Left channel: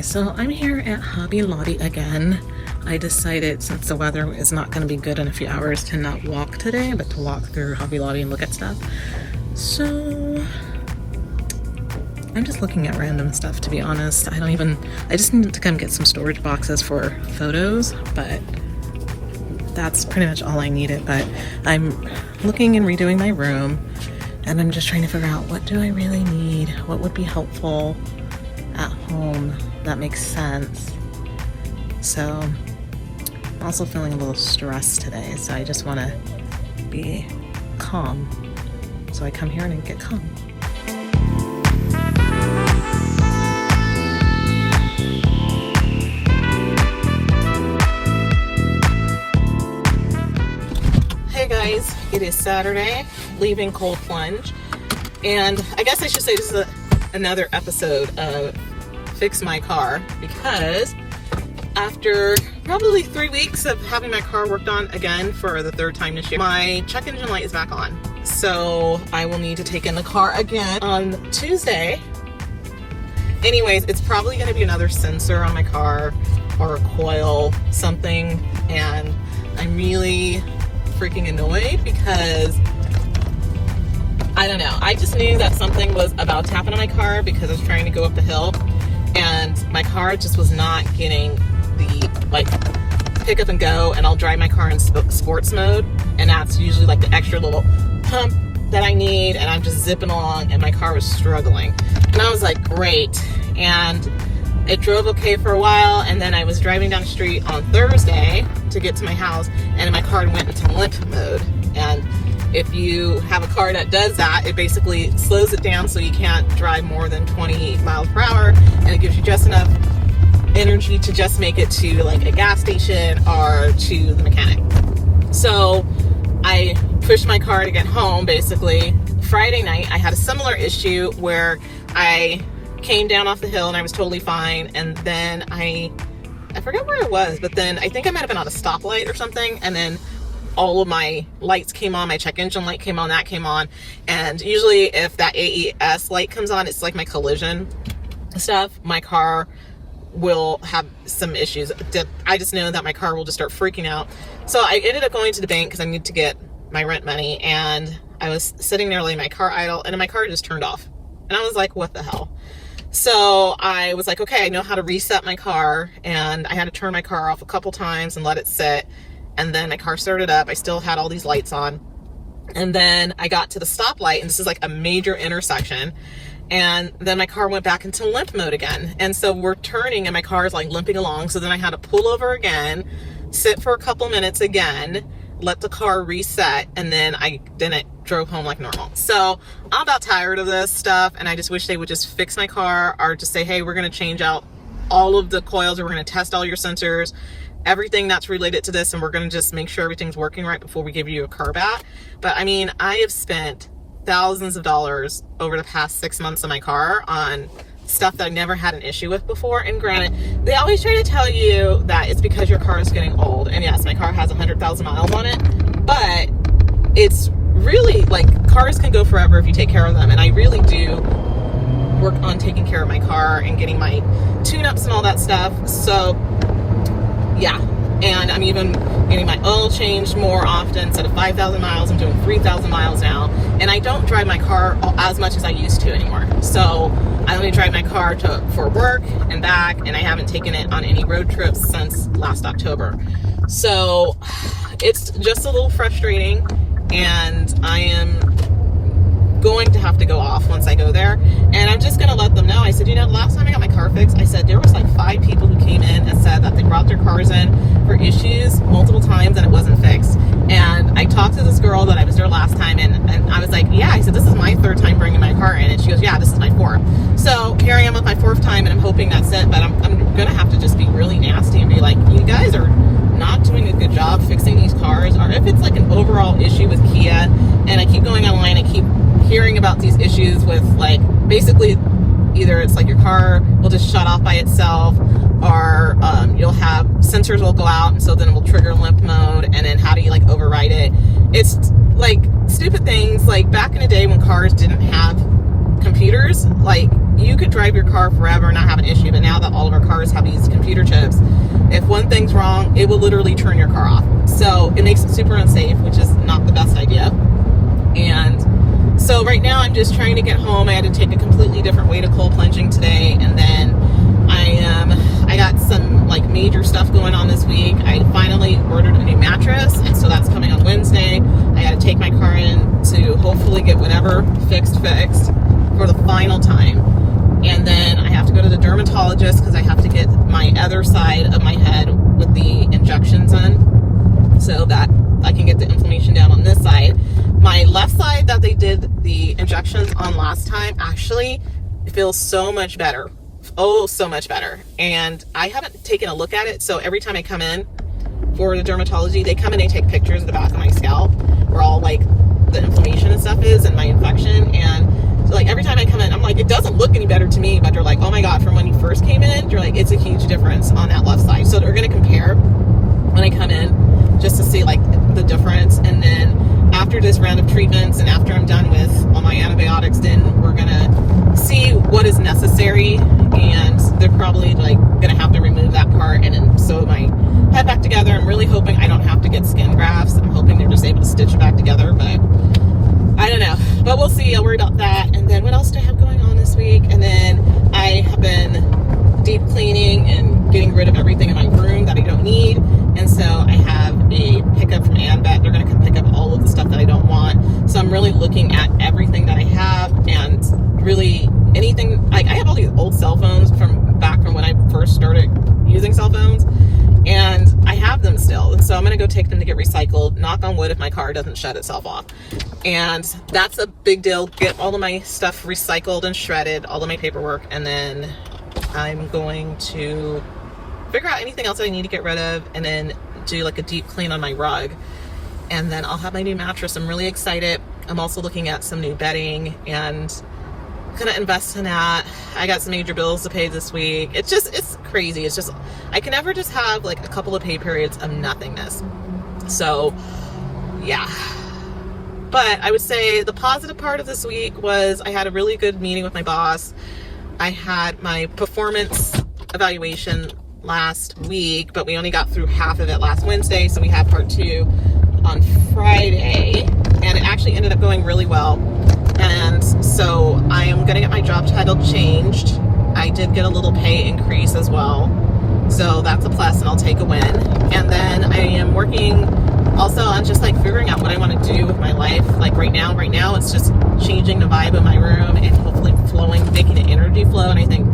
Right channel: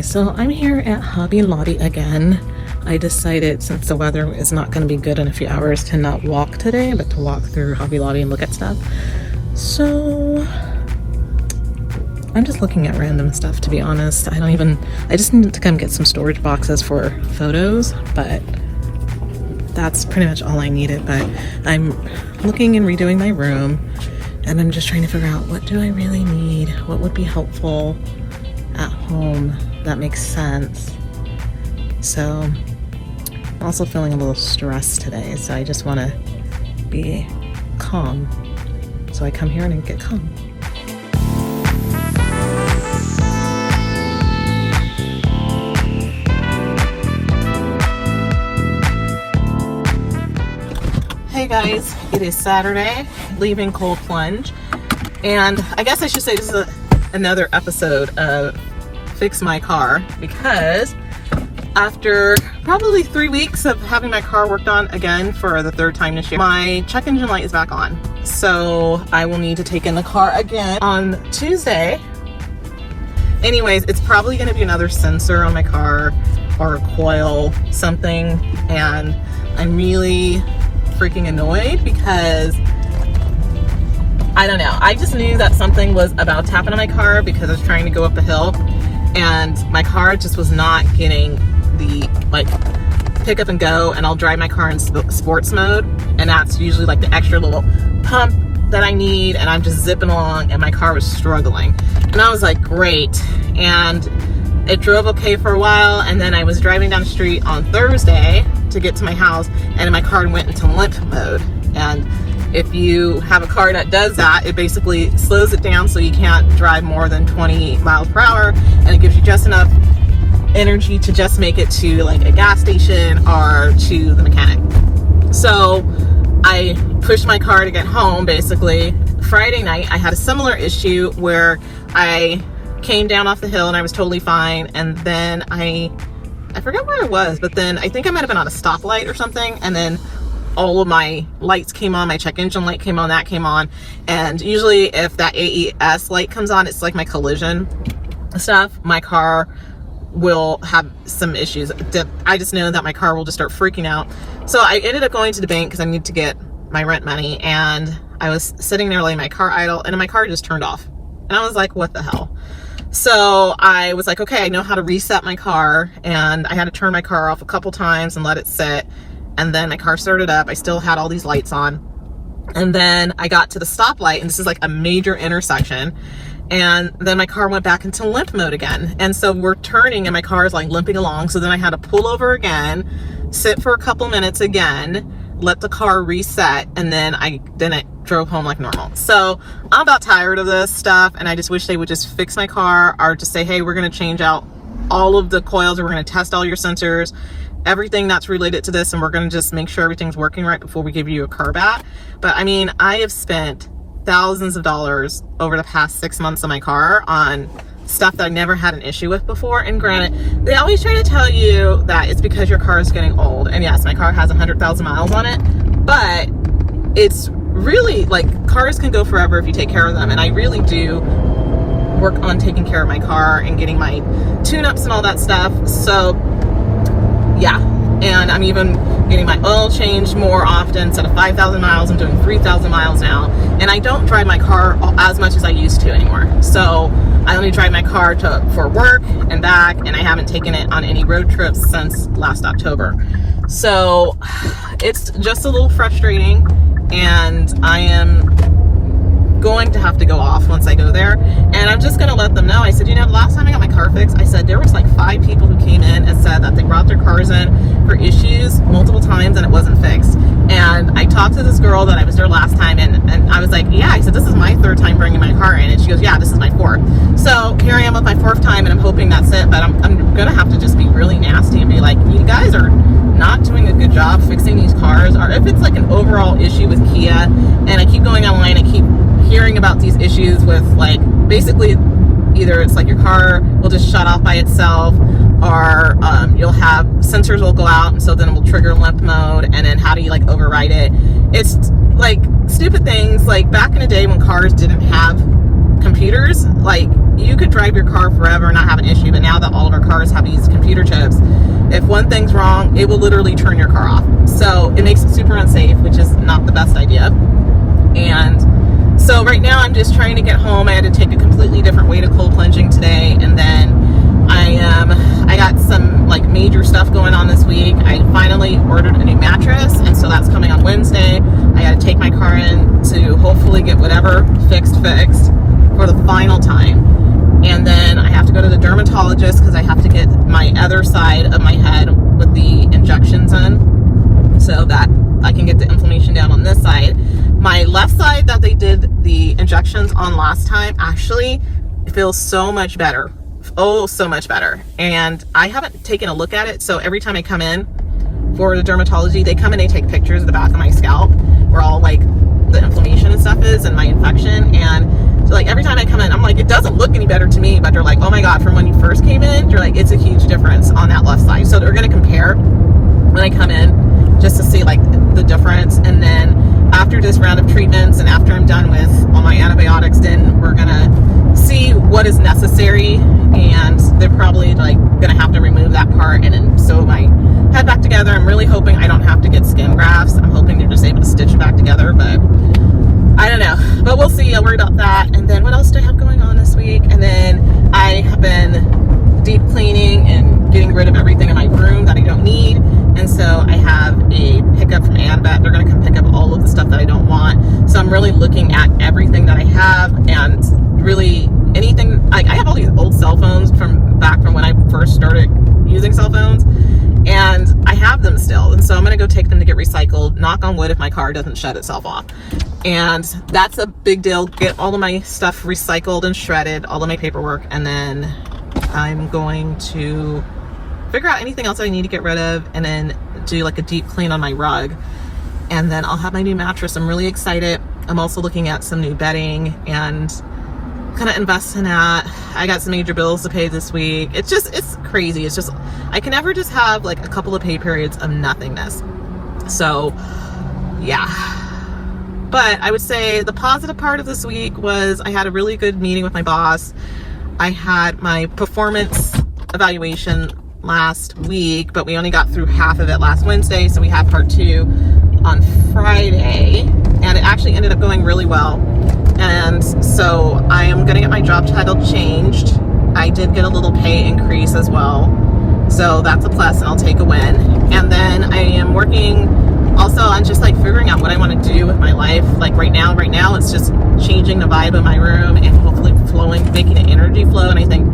Okay, so I'm here at Hobby Lobby again. I decided, since the weather is not going to be good in a few hours, to not walk today, but to walk through Hobby Lobby and look at stuff. So I'm just looking at random stuff, to be honest. I just need to come get some storage boxes for photos, but that's pretty much all I needed. But I'm looking and redoing my room, and I'm just trying to figure out, what do I really need? What would be helpful at home that makes sense? So I'm also feeling a little stressed today, so I just want to be calm. So I come here and I get calm. Hey guys, it is Saturday, leaving Cold Plunge, and I guess I should say this is another episode of Fix My Car, because after probably 3 weeks of having my car worked on again for the third time this year, my check engine light is back on. So I will need to take in the car again on Tuesday. Anyways, it's probably going to be another sensor on my car or a coil, something, and I'm really freaking annoyed because I don't know. I just knew that something was about to happen on my car because I was trying to go up a hill and my car just was not getting the pick up and go, and I'll drive my car in sports mode, and that's usually like the extra little pump that I need, and I'm just zipping along and my car was struggling. And I was like, great. And it drove okay for a while, and then I was driving down the street on Thursday to get to my house, and my car went into limp mode. And if you have a car that does that, it basically slows it down so you can't drive more than 20 miles per hour, and it gives you just enough energy to just make it to like a gas station or to the mechanic. So I pushed my car to get home. Basically Friday night I had a similar issue where I came down off the hill and I was totally fine, and then I forgot where I was, but then I think I might have been on a stoplight or something, and then all of my lights came on. My check engine light came on, that came on, and usually if that AES light comes on, it's like my collision stuff, my car will have some issues. I just know that my car will just start freaking out. So I ended up going to the bank because I need to get my rent money, and I was sitting there letting my car idle, and my car just turned off, and I was like, what the hell? So I was like, okay, I know how to reset my car, and I had to turn my car off a couple times and let it sit, and then my car started up. I still had all these lights on, and then I got to the stoplight, and this is like a major intersection, and then my car went back into limp mode again. And so we're turning and my car is like limping along. So then I had to pull over again, sit for a couple minutes again, let the car reset, and then it drove home like normal. So I'm about tired of this stuff, and I just wish they would just fix my car, or just say, hey, we're going to change out all of the coils, or we're going to test all your sensors, everything that's related to this, and we're going to just make sure everything's working right before we give you a car back. But I mean, I have spent thousands of dollars over the past 6 months on my car on stuff that I never had an issue with before. And granted, they always try to tell you that it's because your car is getting old, and yes, my car has 100,000 miles on it, but it's really like, cars can go forever if you take care of them, and I really do work on taking care of my car and getting my tune-ups and all that stuff. So yeah, and I'm even getting my oil changed more often. Instead of 5,000 miles, I'm doing 3,000 miles now. And I don't drive my car as much as I used to anymore. So I only drive my car for work and back, and I haven't taken it on any road trips since last October. So it's just a little frustrating, and I am going to have to go off once I go there. And I'm just going to let them know. I said, you know, the last time I got my car fixed, I said there was like 5 people who came in and said that they brought their cars in for issues multiple times and it wasn't fixed. And I talked to this girl that I was there last time, and I was like, yeah, I said, this is my 3rd time bringing my car in. And she goes, yeah, this is my 4th. So here I am with my 4th time, and I'm hoping that's it. But I'm going to have to just be really nasty and be like, you guys are not doing a good job fixing these cars. Or if it's like an overall issue with Kia, and I keep going online and keep hearing about these issues with, like, basically either it's like your car will just shut off by itself, or you'll have sensors will go out, and so then it will trigger limp mode, and then how do you like override it? It's like stupid things like back in the day when cars didn't have computers computers, like you could drive your car forever and not have an issue, but now that all of our cars have these computer chips, if one thing's wrong, it will literally turn your car off. So it makes it super unsafe, which is not the best idea. And so right now I'm just trying to get home. I had to take a completely different way to cold plunging today, and then I got some like major stuff going on this week. I finally ordered a new mattress, and so that's coming on Wednesday. I got to take my car in to hopefully get whatever fixed for the final time. And then I have to go to the dermatologist because I have to get my other side of my head with the injections in, so that I can get the inflammation down on this side. My left side that they did the injections on last time actually feels so much better. Oh, so much better. And I haven't taken a look at it, so every time I come in for the dermatology, they come and they take pictures of the back of my scalp where all like the inflammation and stuff is and my infection. And so like every time I come in, I'm like, it doesn't look any better to me, but they're like, oh my God, from when you first came in, they're like, it's a huge difference on that left side. So they're going to compare when I come in just to see like the difference. And then after this round of treatments and after I'm done with all my antibiotics, then we're going to see what is necessary. And they're probably like going to have to remove that part and then sew my head back together. I'm really hoping I don't have to get skin grafts. I'm hoping they're just able to stitch it back together, but I don't know. But we'll see. I'll worry about that. And then what else do I have going on this week? And then I have been deep cleaning and getting rid of everything in my room that I don't need. And so I have a pickup from Anbet. They're going to come pick up all of the stuff that I don't want. So I'm really looking at everything that I have, and really anything. Like I have all these old cell phones from back from when I first started using cell phones, and I have them still. And so I'm going to go take them to get recycled. Knock on wood if my car doesn't shut itself off. And that's a big deal. Get all of my stuff recycled and shredded, all of my paperwork, and then I'm going to figure out anything else I need to get rid of, and then do like a deep clean on my rug. And then I'll have my new mattress. I'm really excited. I'm also looking at some new bedding and gonna invest in that. I got some major bills to pay this week. It's crazy. It's just, I can never just have like a couple of pay periods of nothingness. So yeah. But I would say the positive part of this week was I had a really good meeting with my boss. I had my performance evaluation last week, but we only got through half of it last Wednesday, so we had part 2 on Friday, and it actually ended up going really well. And so I am gonna get my job title changed. I did get a little pay increase as well, so that's a plus, and I'll take a win. And then I am working also on just like figuring out what I want to do with my life. Like right now it's just changing the vibe of my room and hopefully flowing, making an energy flow. And I think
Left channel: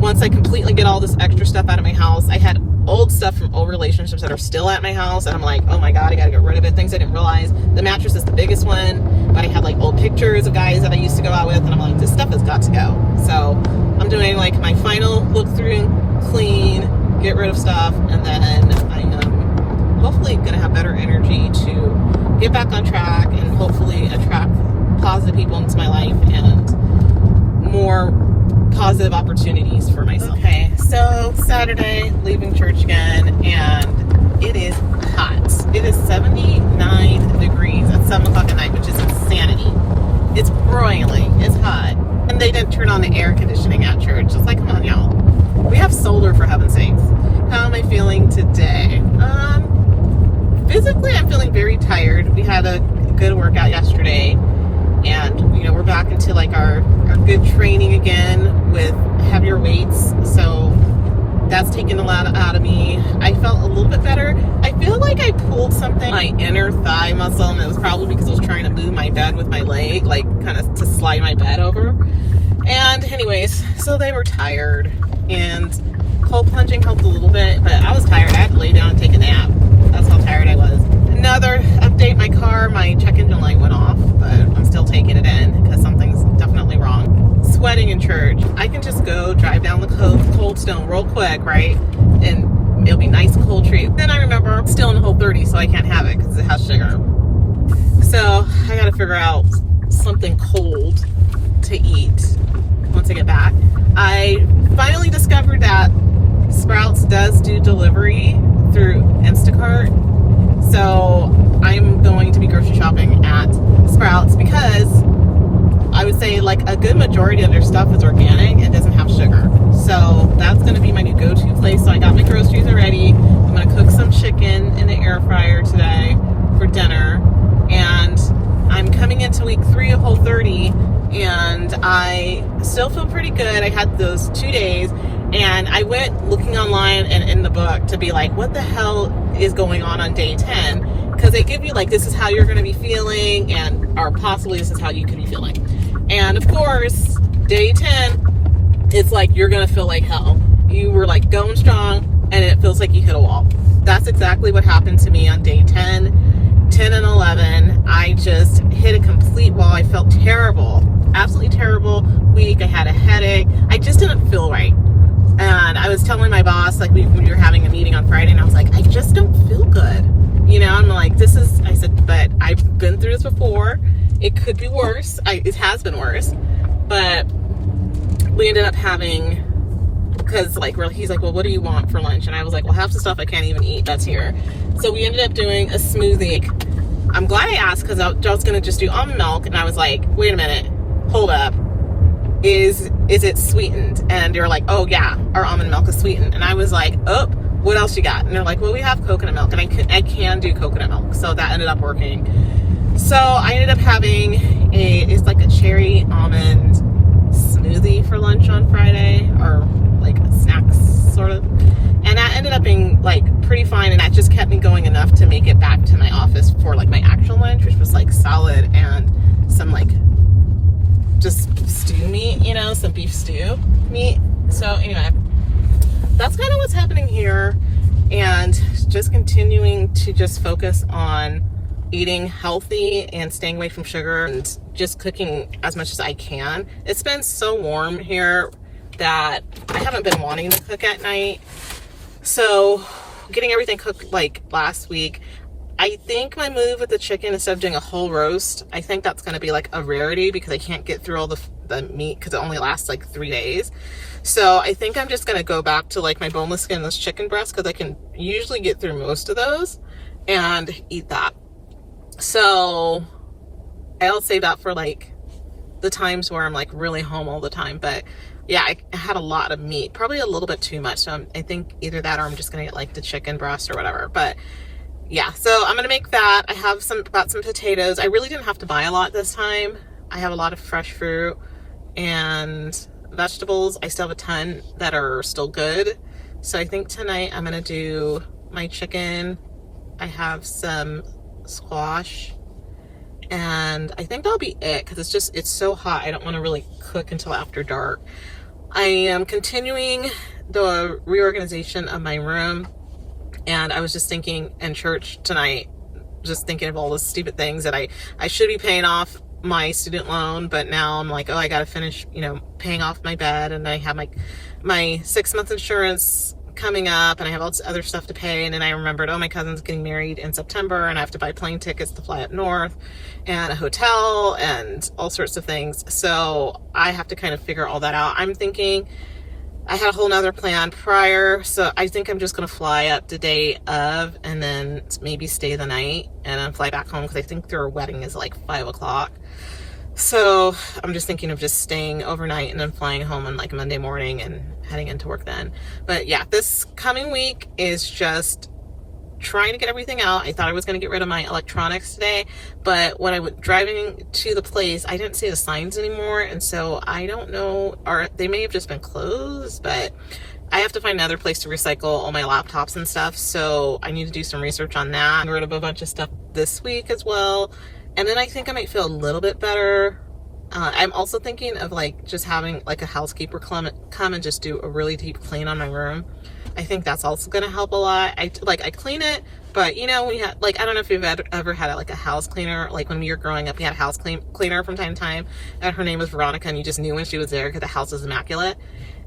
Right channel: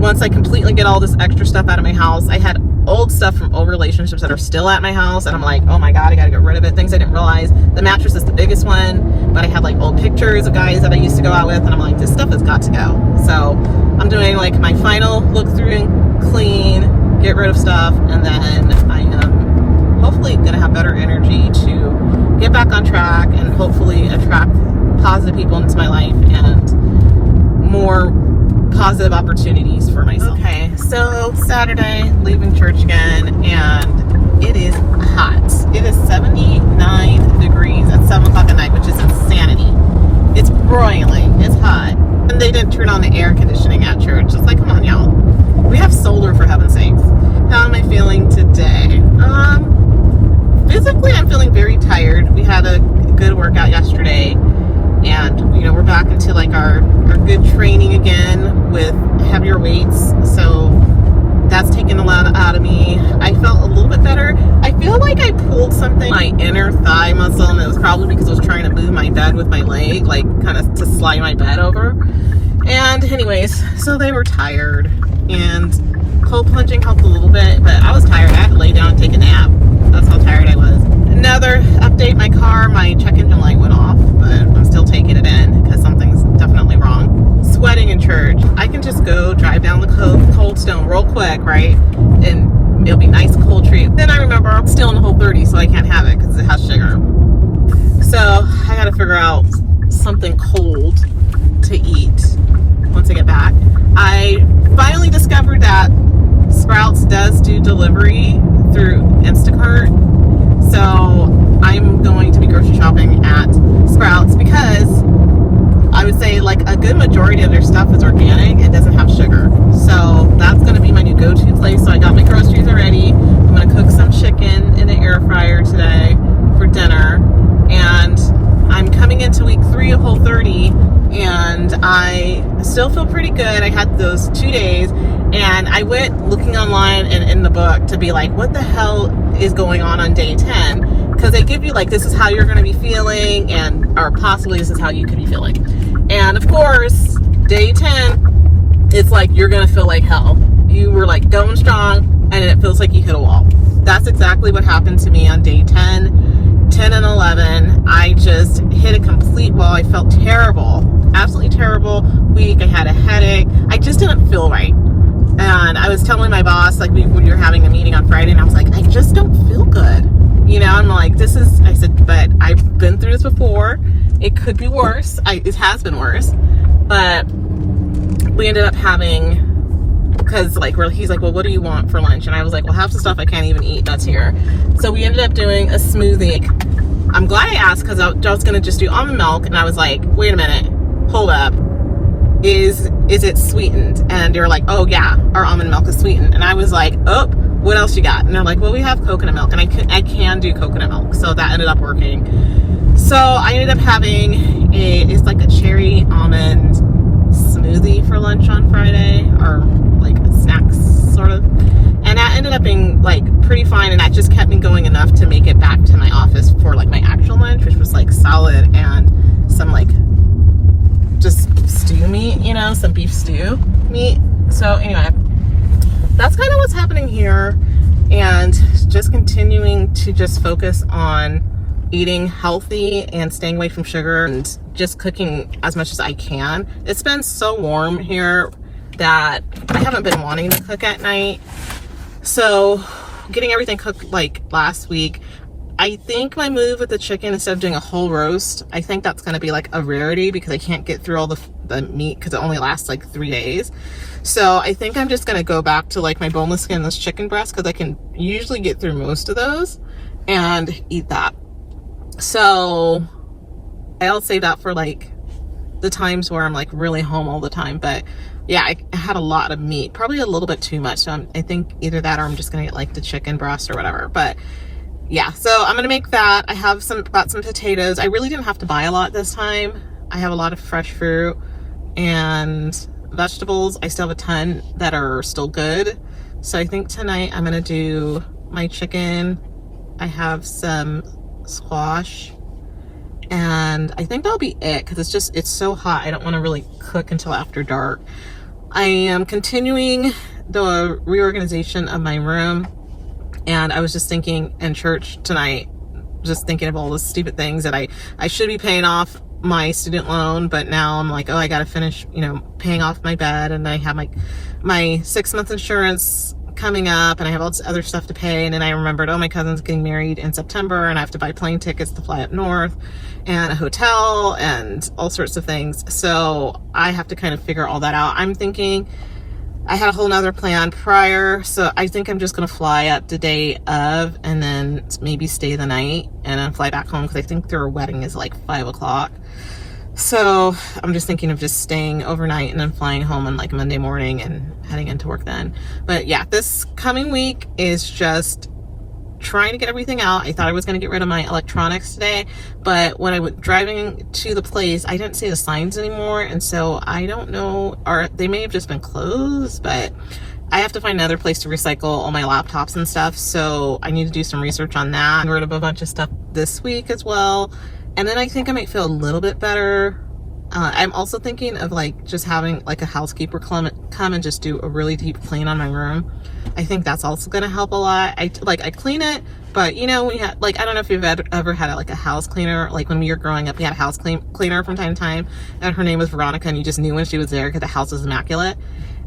once I completely get all this extra stuff out of my house, I had old stuff from old relationships that are still at my house, and I'm like, oh my God, I gotta get rid of it. Things I didn't realize. The mattress is the biggest one, but I had like old pictures of guys that I used to go out with, and I'm like, this stuff has got to go. So I'm doing like my final look through and clean, get rid of stuff, and then I am hopefully gonna have better energy to get back on track and hopefully attract positive people into my life and more positive opportunities for myself. Okay, so Saturday, leaving church again, and it is hot. It is 79 degrees at 7 o'clock at night, which is insanity. It's broiling, it's hot. And they didn't turn on the air conditioning at church. It's like, come on, y'all. We have solar, for heaven's sakes. How am I feeling today? Physically, I'm feeling very tired. We had a good workout yesterday, and you know, we're back into like our good training again with heavier weights, so that's taken a lot out of me. I felt a little bit better. I feel like I pulled something, my inner thigh muscle, and it was probably because I was trying to move my bed with my leg, like kind of to slide my bed over. And anyways, so they were tired, and cold plunging helped a little bit, but I was tired. I had to lay down and take a nap. That's how tired I was. Another update, my car, my check engine light went off, but I'm still taking it in because something's definitely wrong. Sweating in church. I can just go drive down the Cold Stone real quick, right? And it'll be nice cold treat. Then I remember I'm still in the Whole 30, so I can't have it because it has sugar. So I gotta figure out something cold to eat once I get back. I finally discovered that Sprouts does do delivery through Instacart. So I'm going to be grocery shopping at Sprouts because I would say like a good majority of still feel pretty good. I had those 2 days, and I went looking online and in the book to be like, what the hell is going on day 10? Because they give you like, this is how you're going to be feeling, or possibly this is how you could be feeling. And of course, day 10, it's like you're going to feel like hell. You were like going strong, and it feels like you hit a wall. That's exactly what happened to me on day 10 and 11. I just hit a complete wall. I felt terrible, absolutely terrible, weak. I had a headache. I just didn't feel right. And I was telling my boss, like, we were having a meeting on Friday, and I was like, I just don't feel good. You know, I'm like, I said, but I've been through this before. It could be worse. It has been worse. But we ended up having, because like he's like, well, what do you want for lunch? And I was like, well, half the stuff I can't even eat that's here. So we ended up doing a smoothie. I'm glad I asked, because I was gonna just do almond milk, and I was like, wait a minute, hold up, is it sweetened? And they were like, oh yeah, our almond milk is sweetened. And I was like, oh, what else you got? And they're like, well, we have coconut milk, and I can do coconut milk. So that ended up working. So I ended up having it's like a cherry almond smoothie for lunch on Friday, or like snacks sort of, and that ended up being like pretty fine, and that just kept me going enough to make it back to my office for like my actual lunch, which was like salad and some like just stew meat, you know, some beef stew meat. So anyway, that's kind of what's happening here, and just continuing to just focus on eating healthy and staying away from sugar, and just cooking as much as I can. It's been so warm here that I haven't been wanting to cook at night. So getting everything cooked like last week, I think my move with the chicken, instead of doing a whole roast, I think that's going to be like a rarity, because I can't get through all the meat, because it only lasts like 3 days. So I think I'm just going to go back to like my boneless skinless chicken breast, because I can usually get through most of those and eat that. So I'll save that for like the times where I'm like really home all the time. But yeah, I had a lot of meat, probably a little bit too much. So I think either that, or I'm just gonna get like the chicken breast or whatever. But yeah, so I'm gonna make that. I have bought some potatoes. I really didn't have to buy a lot this time. I have a lot of fresh fruit and vegetables. I still have a ton that are still good. So I think tonight I'm gonna do my chicken. I have some squash, and I think that'll be it, because it's so hot. I don't want to really cook until after dark. I am continuing the reorganization of my room, and I was just thinking in church tonight, just thinking of all the stupid things that I should be paying off my student loan, but now I'm like, oh, I gotta finish, you know, paying off my bed, and I have my 6-month insurance coming up, and I have all this other stuff to pay. And then I remembered, oh, my cousin's getting married in September, and I have to buy plane tickets to fly up north, and a hotel, and all sorts of things. So I have to kind of figure all that out. I'm thinking, I had a whole nother plan prior, so I think I'm just gonna fly up the day of, and then maybe stay the night, and then fly back home, because I think their wedding is like 5 o'clock. So I'm just thinking of just staying overnight and then flying home on like Monday morning and heading into work then. But yeah, this coming week is just trying to get everything out. I thought I was going to get rid of my electronics today, but when I was driving to the place, I didn't see the signs anymore. And so I don't know, or they may have just been closed, but I have to find another place to recycle all my laptops and stuff. So I need to do some research on that. I got rid of a bunch of stuff this week as well. And then I think I might feel a little bit better. I'm also thinking of like just having like a housekeeper come and just do a really deep clean on my room. I think that's also going to help a lot. I clean it, but you know, we had like, I don't know if you've ever had like a house cleaner. Like when we were growing up, we had a house cleaner from time to time, and her name was Veronica, and you just knew when she was there because the house was immaculate.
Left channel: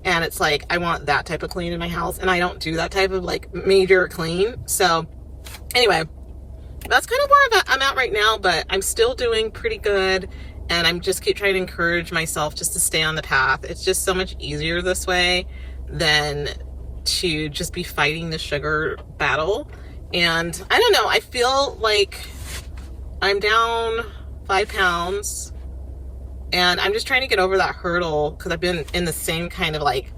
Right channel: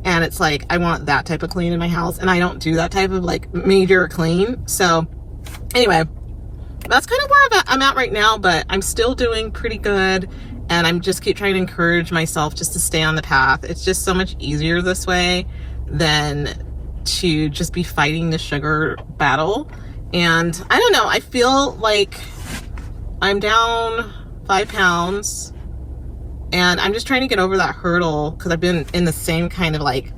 And it's like, I want that type of clean in my house, and I don't do that type of like major clean. So anyway, that's kind of where I'm at right now, but I'm still doing pretty good, and I'm just keep trying to encourage myself just to stay on the path. It's just so much easier this way than to just be fighting the sugar battle. And I don't know, I feel like I'm down 5 pounds, and I'm just trying to get over that hurdle, because I've been in the same kind of like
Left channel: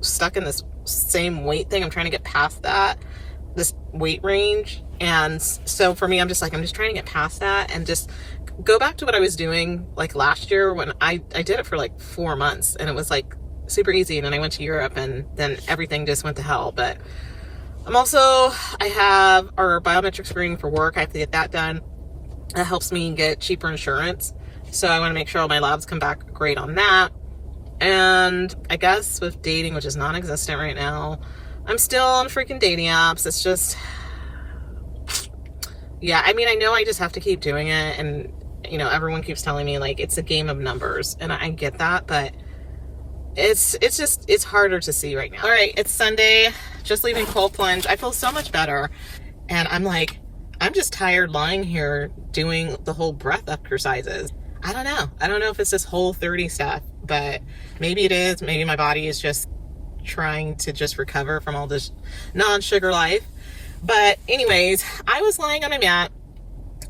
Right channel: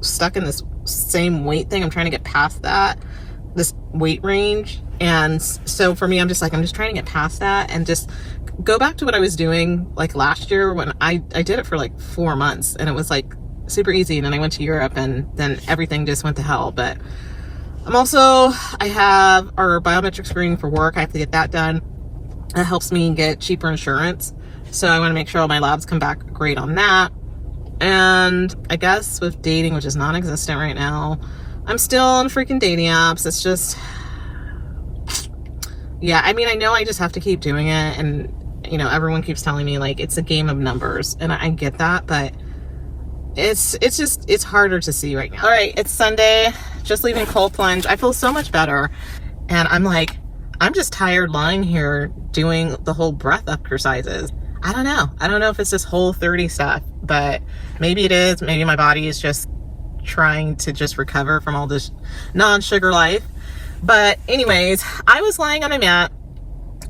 stuck in this same weight thing. I'm trying to get past this weight range. And so for me, I'm just trying to get past that and just go back to what I was doing like last year when I did it for like 4 months and it was like super easy. And then I went to Europe and then everything just went to hell. But I have our biometric screening for work. I have to get that done. That helps me get cheaper insurance. So I want to make sure all my labs come back great on that. And I guess with dating, which is non-existent right now, I'm still on freaking dating apps. It's just, yeah, I mean, I know I just have to keep doing it. And, you know, everyone keeps telling me like it's a game of numbers. And I get that, but it's harder to see right now. All right, it's Sunday, just leaving cold plunge. I feel so much better. And I'm like, I'm just tired lying here doing the whole breath exercises. I don't know if it's this whole 30 stuff, but maybe it is. Maybe my body is just trying to just recover from all this non-sugar life. But anyways, I was lying on my mat,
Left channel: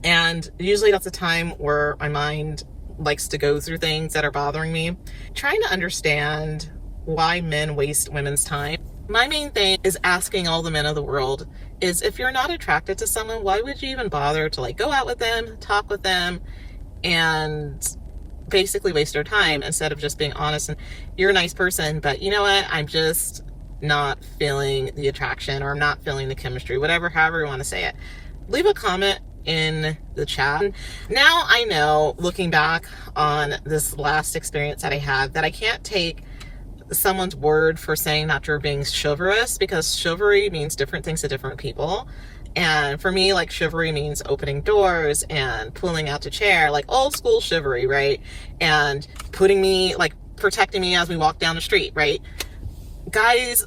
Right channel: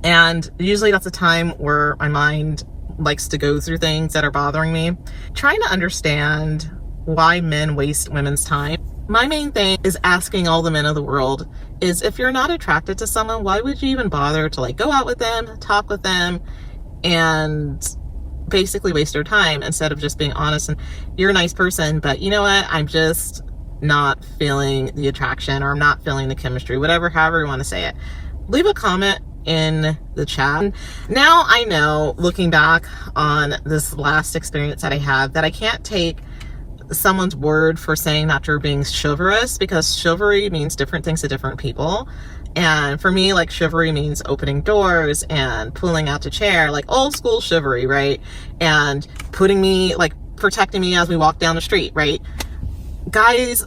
and usually that's a time where my mind likes to go through things that are bothering me, trying to understand why men waste women's time. My main thing is asking all the men of the world is, if you're not attracted to someone, why would you even bother to like go out with them, talk with them, and basically waste their time instead of just being honest and you're a nice person, but you know what, I'm just not feeling the attraction, or I'm not feeling the chemistry, however you want to say it. Leave a comment in the chat. Now I know, looking back on this last experience that I had, that I can't take someone's word for saying that you're being chivalrous, because chivalry means different things to different people. And for me, like, chivalry means opening doors and pulling out the chair, like old school chivalry, right? And putting me, like, protecting me as we walk down the street, right? Guys,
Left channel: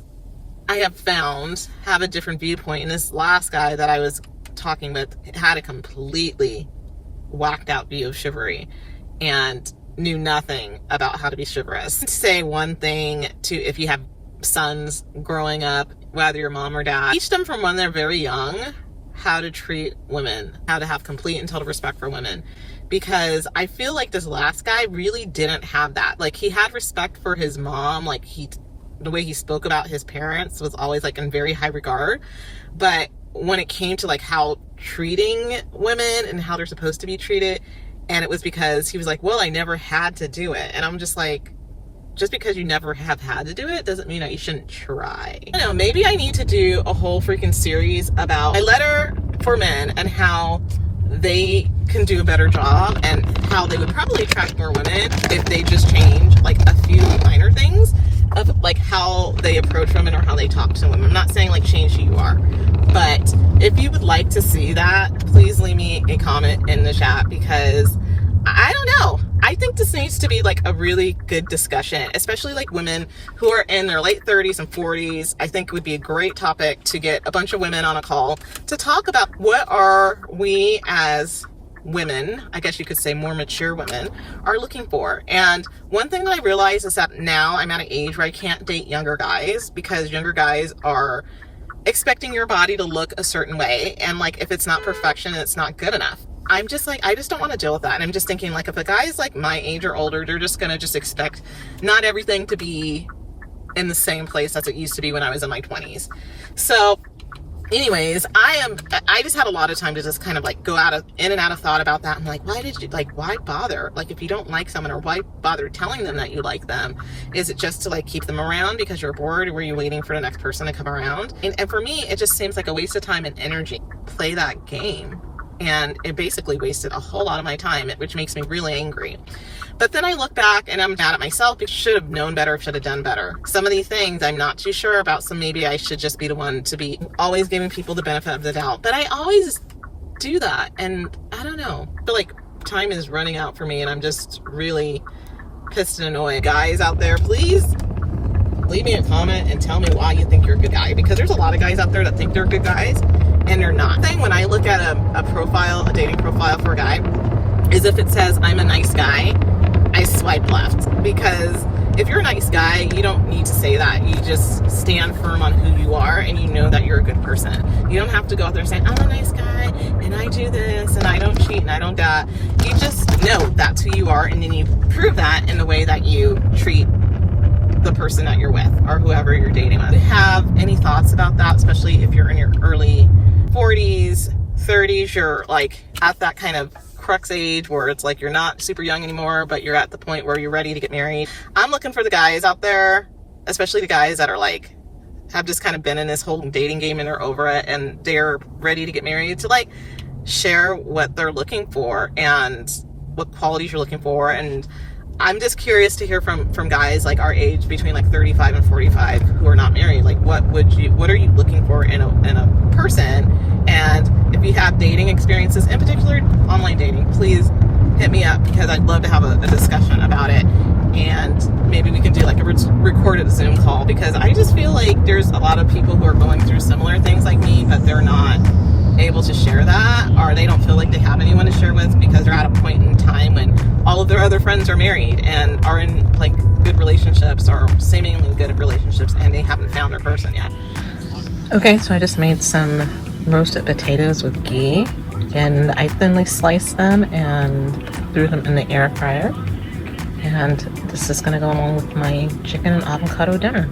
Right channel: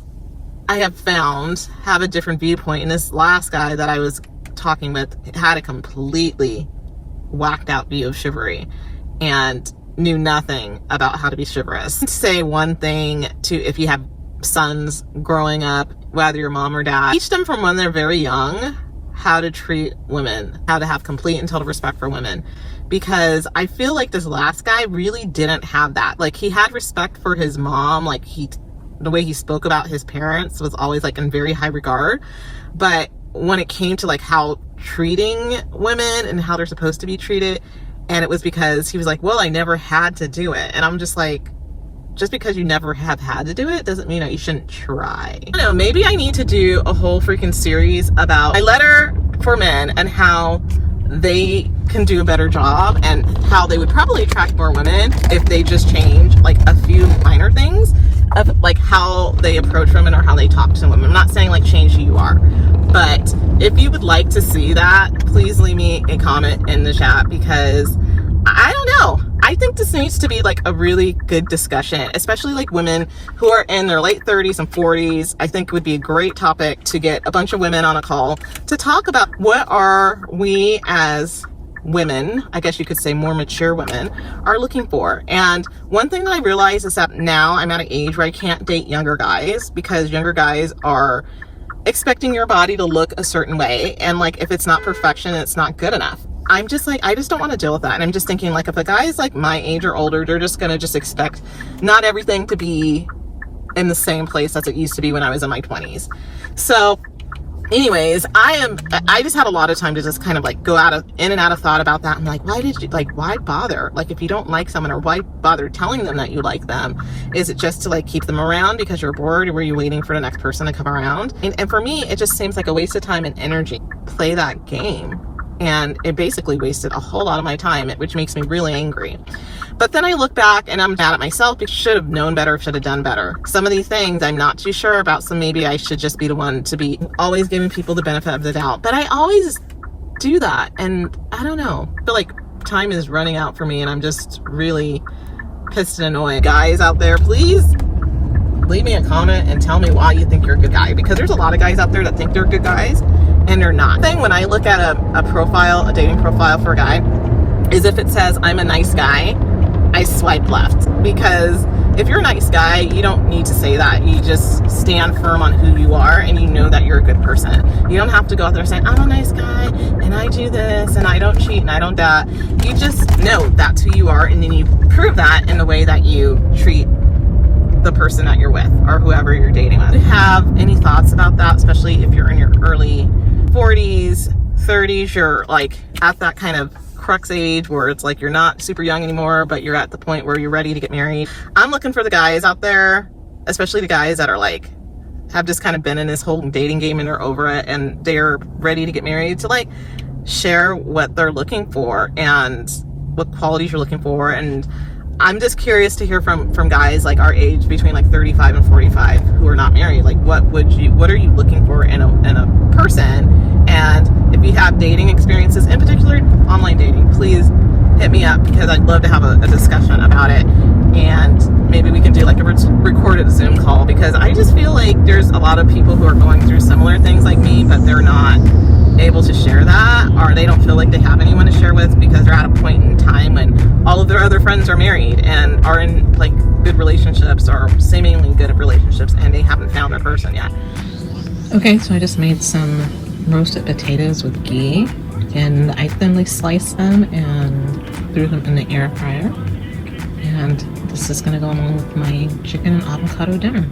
I have found, have a different viewpoint. And this last guy that I was talking with had a completely whacked out view of chivalry and knew nothing about how to be chivalrous. Say one thing to, if you have sons growing up, whether you're mom or dad, teach them from when they're very young how to treat women, how to have complete and total respect for women. Because I feel like this last guy really didn't have that. Like, he had respect for his mom, like the way he spoke about his parents was always like in very high regard. But when it came to like how treating women and how they're supposed to be treated, and it was because he was like, well, I never had to do it. And I'm just like, just because you never have had to do it doesn't mean that you shouldn't try. I don't know, maybe I need to do a whole freaking series about my letter for men and how they can do a better job and how they would probably attract more women if they just change like a few minor things of like how they approach women or how they talk to women. I'm not saying like change who you are, but if you would like to see that, please leave me a comment in the chat, because I don't know. I think this needs to be like a really good discussion, especially like women who are in their late 30s and 40s. I think it would be a great topic to get a bunch of women on a call to talk about what are we as women, I guess you could say more mature women, are looking for. And one thing that I realize is that now I'm at an age where I can't date younger guys, because younger guys are expecting your body to look a certain way. And like, if it's not perfection, it's not good enough. I'm just like, I just don't want to deal with that. And I'm just thinking, like, if a guy is like my age or older, they're just going to just expect not everything to be in the same place as it used to be when I was in my 20s. So anyways, I just had a lot of time to just kind of like go in and out of thought about that. I'm like, why bother? Like, if you don't like someone, or why bother telling them that you like them? Is it just to like keep them around because you're bored, or were you waiting for the next person to come around? And for me, it just seems like a waste of time and energy. Play that game. And it basically wasted a whole lot of my time, which makes me really angry. But then I look back and I'm mad at myself because I should have known better, should have done better. Some of these things I'm not too sure about, so maybe I should just be the one to be always giving people the benefit of the doubt. But I always do that, and I don't know. I feel like time is running out for me, and I'm just really pissed and annoyed. Guys out there, please leave me a comment and tell me why you think you're a good guy, because there's a lot of guys out there that think they're good guys and they're not. The thing when I look at a dating profile for a guy, is if it says I'm a nice guy, I swipe left. Because if you're a nice guy, you don't need to say that. You just stand firm on who you are, and you know that you're a good person. You don't have to go out there saying, I'm a nice guy and I do this and I don't cheat and I don't that. You just know that's who you are, and then you prove that in the way that you treat the person that you're with or whoever you're dating with. Do you have any thoughts about that, especially if you're in your early 40s, 30s, you're like at that kind of crux age where it's like you're not super young anymore, but you're at the point where you're ready to get married. I'm looking for the guys out there, especially the guys that are like, have just kind of been in this whole dating game and they're over it and they're ready to get married, to like share what they're looking for and what qualities you're looking for. And I'm just curious to hear from guys like our age, between like 35 and 45, who are not married. Like, what are you looking for in a person? And if you have dating experiences, in particular online dating, please hit me up, because I'd love to have a discussion about it. And maybe we can do like a recorded Zoom call, because I just feel like there's a lot of people who are going through similar things like me, but they're not able to share that, or they don't feel like they have anyone to share with, because they're at a point in time when all of their other friends are married and are in like good relationships or seemingly good relationships, and they haven't found their person yet. Okay, so I just made some roasted potatoes with ghee, and I thinly sliced them and threw them in the air fryer. And this is gonna go along with my chicken avocado dinner.